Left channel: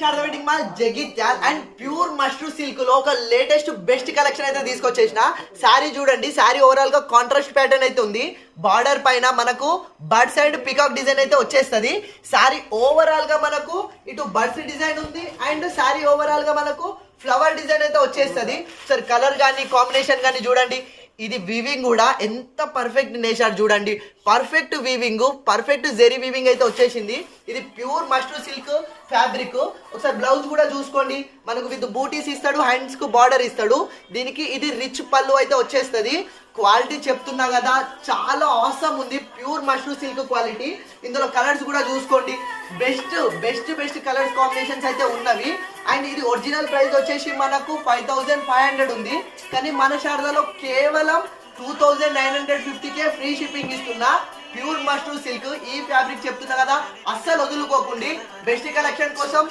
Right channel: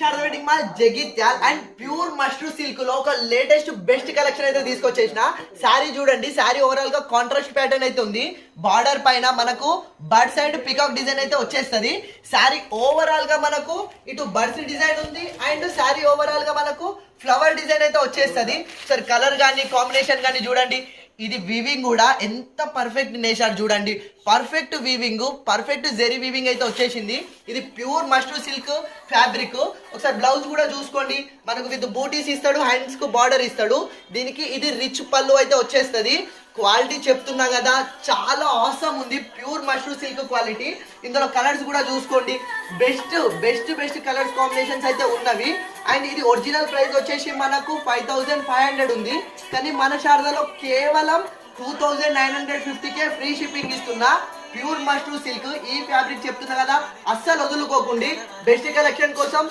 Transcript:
Sharada wedding mall Jagtial and pure mashru silk లో ఒక latest best collection అయితే తీసుకొచ్చేసిన. శారీ చూడండి, శారీ ఓవరాల్ గా కాంట్రాస్ట్ ప్యాటర్న్ అయితే ఉంది. బార్డర్ పైన మనకు బర్డ్ సైడ్ పికాక్ డిజైన్ అయితే వచ్చేస్తుంది. శారీ ఓవరాల్ గా మనకు ఇటు బర్డ్స్ డిజైన్ ఉంది అండ్ శారీ ఓవరాల్ గా మనకు ఫ్లవర్ డిజైన్ అయితే వచ్చేస్తుంది. సరే కలర్ కానీ కాంబినేషన్ కానీ చూడండి. ఇది వీవింగ్ కూడా ఎంత పర్ఫెక్ట్ నేసారు చూడండి. Perfect weaving, perfect zari weaving అయితే వచ్చేసింది. ఇది ప్యూర్ మష్రూ సిల్క్ ఫ్యాబ్రిక్. ఒకసారి బ్లౌజ్ కూడా చూసుకోండి, మనకు విత్ బూటీస్ ఇస్తాడు, హ్యాండ్స్ కు బార్డర్ ఇస్తాడు. దీనికి ఇది రిచ్ పళ్ళు అయితే వచ్చేస్తుంది. క్వాలిటీ చెప్తున్నా కదా, చాలా ఆసమ్ ఉంది. Pure mashru silk quality. ఇందులో కలర్స్ కూడా చూసుకోండి, best best best colours combinations అయితే ఉన్నవి. అండ్ ఇది ఒరిజినల్ ప్రైస్ వచ్చేసి మనకు 5500 ఉంది, కానీ మన శారదాలో కేవలం 2950కే ఫ్రీ షిప్పింగ్ ఇస్తున్నా. ప్యూర్ మష్రూ సిల్క్ ఈ ఫ్యాబ్రిక్ చెప్తున్నా కదా, అస్సలు వదులుకోకండి. బెస్ట్ కలెక్షన్ కోసం